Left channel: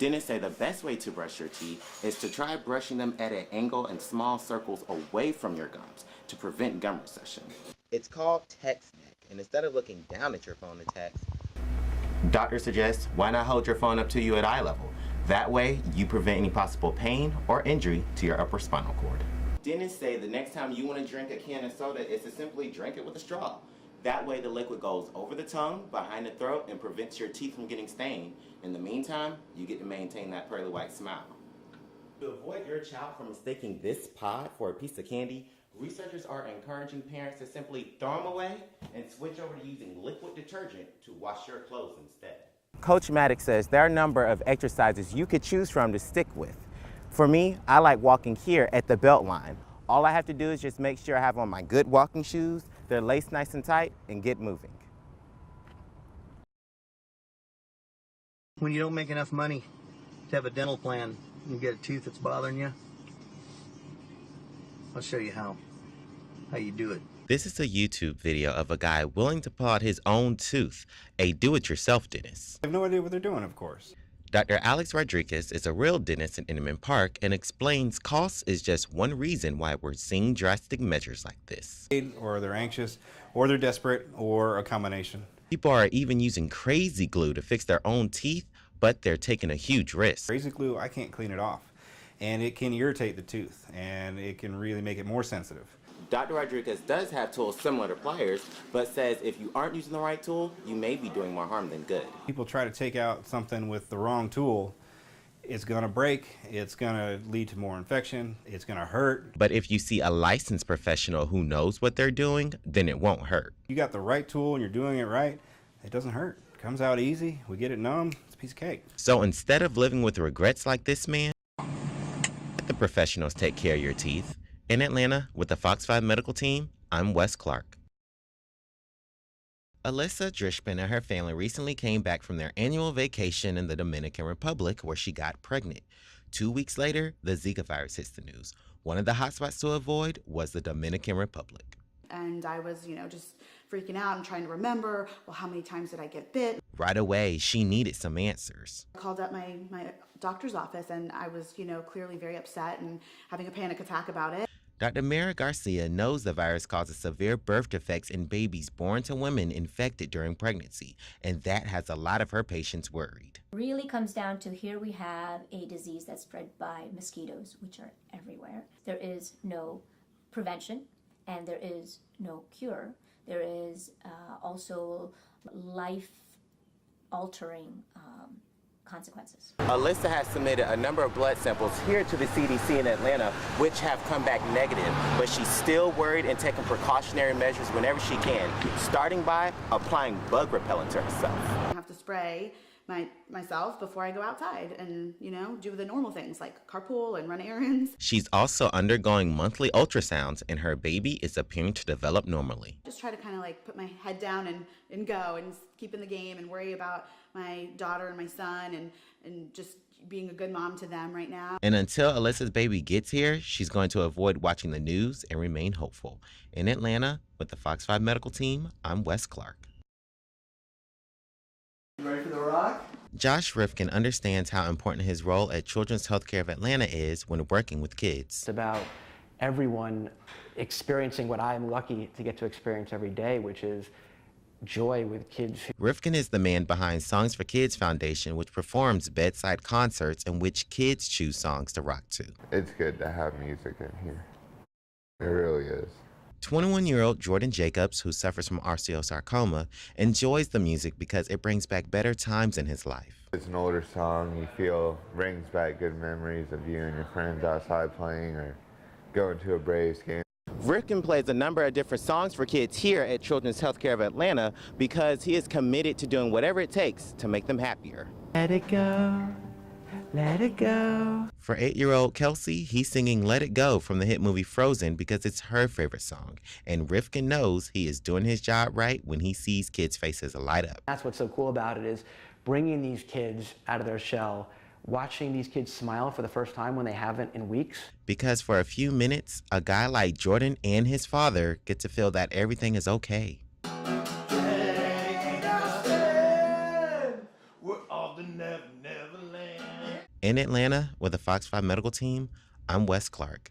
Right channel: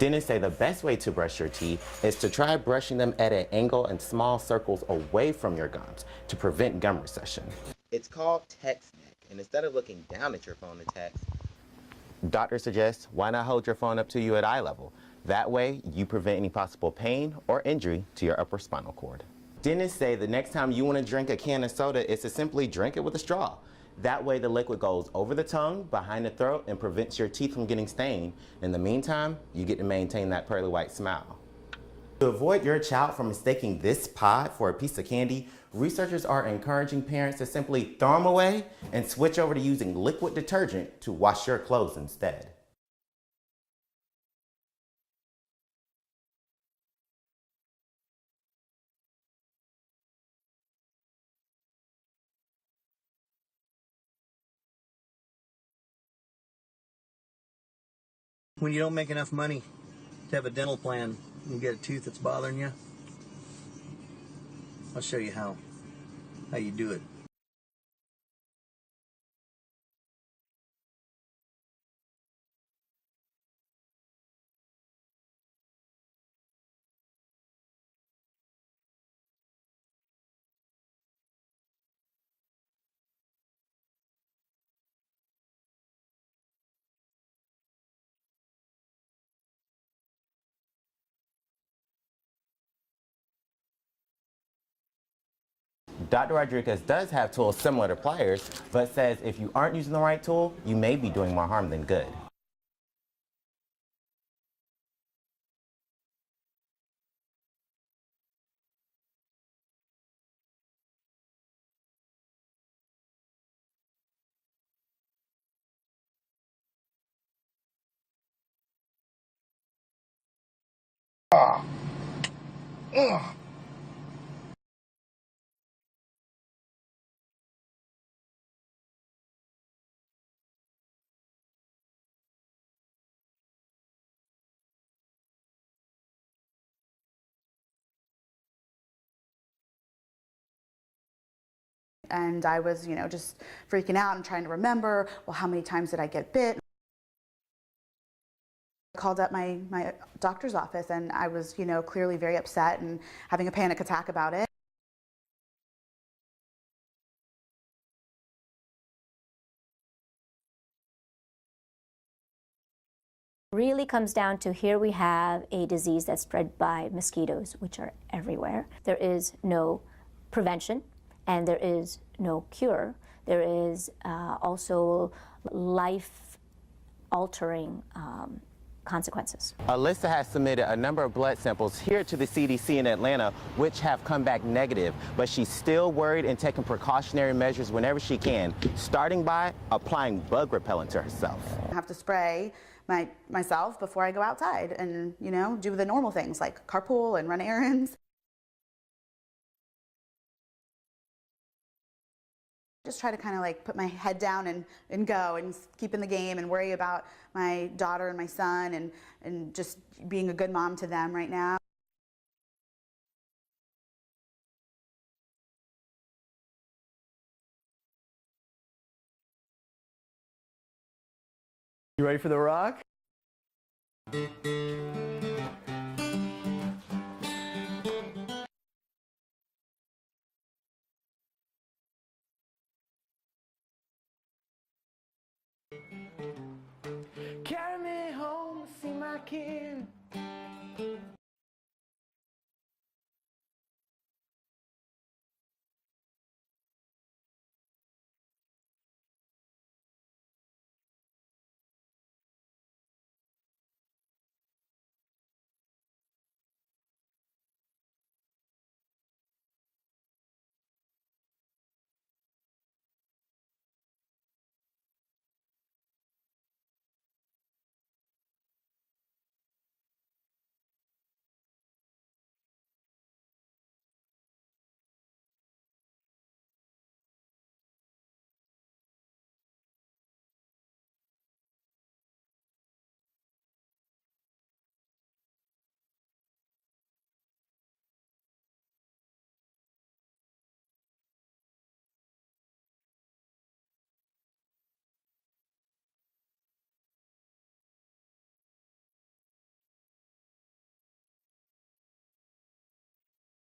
Dentists say the best way to brush your teeth is to try brushing them at an angle and small circles away from your gums to prevent gum recession. It's called text neck, and instead of looking down at your phone to text, doctors suggest why not hold your phone up to you at eye level. That way, you prevent any possible pain or injury to your upper spinal cord. Dentists say the next time you want to drink a can of soda is to simply drink it with a straw. That way the liquid goes over the tongue, behind the throat, and prevents your teeth from getting stained. In the meantime, you get to maintain that pearly white smile. To avoid your child from mistaking this pod for a piece of candy, researchers are encouraging parents to simply throw them away and switch over to using liquid detergent to wash your clothes instead. Coach Maddox says there are a number of exercises you could choose from to stick with. For me, I like walking here at the belt line. All I have to do is just make sure I have on my good walking shoes, they're laced nice and tight, and get moving. When you don't make enough money to have a dental plan and get a tooth that's bothering you, I'll show you how you do it. This is a YouTube video of a guy willing to pull out his own tooth, a do-it-yourself dentist. I have no idea what they're doing, of course. Dr. Alex Rodriguez is a real dentist in Inman Park and explains cost is just one reason why we're seeing drastic measures like this. Or they're anxious, or they're desperate, or a combination. People are even using crazy glue to fix their own teeth, but they're taking a huge risk. Crazy glue, I can't clean it off. And it can irritate the tooth, and it can really make it more sensitive. Dr. Rodriguez does have tools similar to pliers, but says if you aren't using the right tool, you may be doing more harm than good. People try to take out something with the wrong tool, it's gonna break, it's gonna lead to more infection, it's gonna hurt. But if you see a licensed professional who knows what they're doing, then it won't hurt. You got the right tool and you're doing it right, it doesn't hurt. It comes out easy, we get it numb, it's a piece of cake. So instead of living with regrets like this man, let the professionals take care of your teeth. In Atlanta, with the Fox 5 medical team, I'm Wes Clark. Alyssa Drishman and her family recently came back from their annual vacation in the Dominican Republic where she got pregnant. 2 weeks later, the Zika virus hits the news. One of the hotspots to avoid was the Dominican Republic. And I was, just freaking out and trying to remember, well, how many times did I get bit? Right away, she needed some answers. I called up my doctor's office and I was, clearly very upset and having a panic attack about it. Dr. Mara Garcia knows the virus causes severe birth defects in babies born to women infected during pregnancy, and that has a lot of her patients worried. Really comes down to here we have a disease that's spread by mosquitoes, which are everywhere. There is no prevention and there is no cure. There is also life-altering consequences. Alyssa has submitted a number of blood samples here to the CDC in Atlanta, which have come back negative, but she's still worried and taking precautionary measures whenever she can, starting by applying bug repellent to herself. I have to spray myself before I go outside and, do the normal things like carpool and run errands. She's also undergoing monthly ultrasounds, and her baby is appearing to develop normally. Just try to kind of put my head down and go and keep in the game and worry about my daughter and my son and just being a good mom to them right now. And until Alyssa's baby gets here, she's going to avoid watching the news and remain hopeful. In Atlanta, with the Fox 5 medical team, I'm Wes Clark. You ready for the rock? Josh Rifkin understands how important his role at Children's Healthcare of Atlanta is when working with kids. It's about everyone experiencing what I'm lucky to get to experience every day, which is joy with kids. Rifkin is the man behind Songs for Kids Foundation, which performs bedside concerts in which kids choose songs to rock to. It's good to have music in here. It really is. 21-year-old Jordan Jacobs, who suffers from osteosarcoma, enjoys the music because it brings back better times in his life. It's an older song you feel brings back good memories of you and your friends outside playing or going to a Braves game. Rifkin plays a number of different songs for kids here at Children's Healthcare of Atlanta because he is committed to doing whatever it takes to make them happier. Let it go, let it go. For 8-year-old Kelsey, he's singing Let It Go from the hit movie Frozen because it's her favorite song. And Rifkin knows he is doing his job right when he sees kids' faces light up. That's what's so cool about it is bringing these kids out of their shell, watching these kids smile for the first time when they haven't in weeks. Because for a few minutes, a guy like Jordan and his father get to feel that everything is okay. We're off to Neverland. In Atlanta with the Fox 5 medical team, I'm Wes Clark.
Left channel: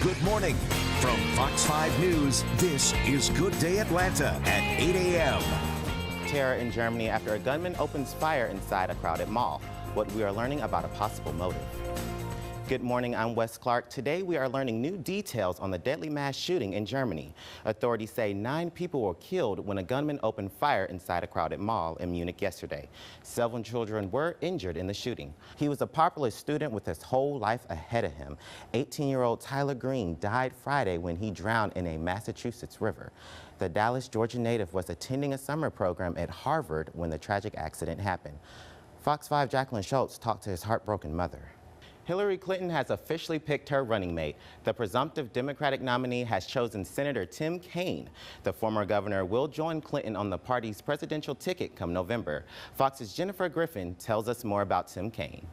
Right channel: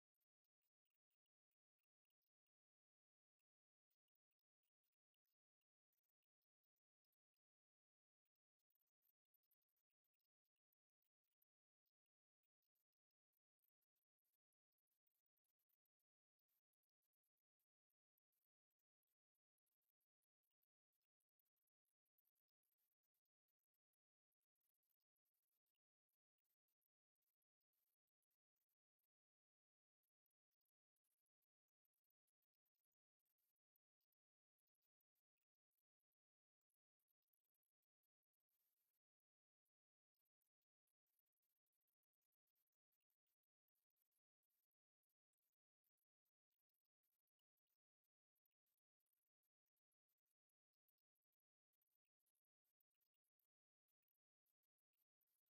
Good morning. From Fox 5 News, this is Good Day Atlanta at 8 a.m. Terror in Germany after a gunman opens fire inside a crowded mall. What we are learning about a possible motive. Good morning, I'm Wes Clark. Today we are learning new details on the deadly mass shooting in Germany. Authorities say 9 people were killed when a gunman opened fire inside a crowded mall in Munich yesterday. 7 children were injured in the shooting. He was a popular student with his whole life ahead of him. 18-year-old Tyler Green died Friday when he drowned in a Massachusetts river. The Dallas, Georgia native was attending a summer program at Harvard when the tragic accident happened. Fox 5 Jacqueline Schultz talked to his heartbroken mother. Hillary Clinton has officially picked her running mate. The presumptive Democratic nominee has chosen Senator Tim Kaine. The former governor will join Clinton on the party's presidential ticket come November. Fox's Jennifer Griffin tells us more about Tim Kaine.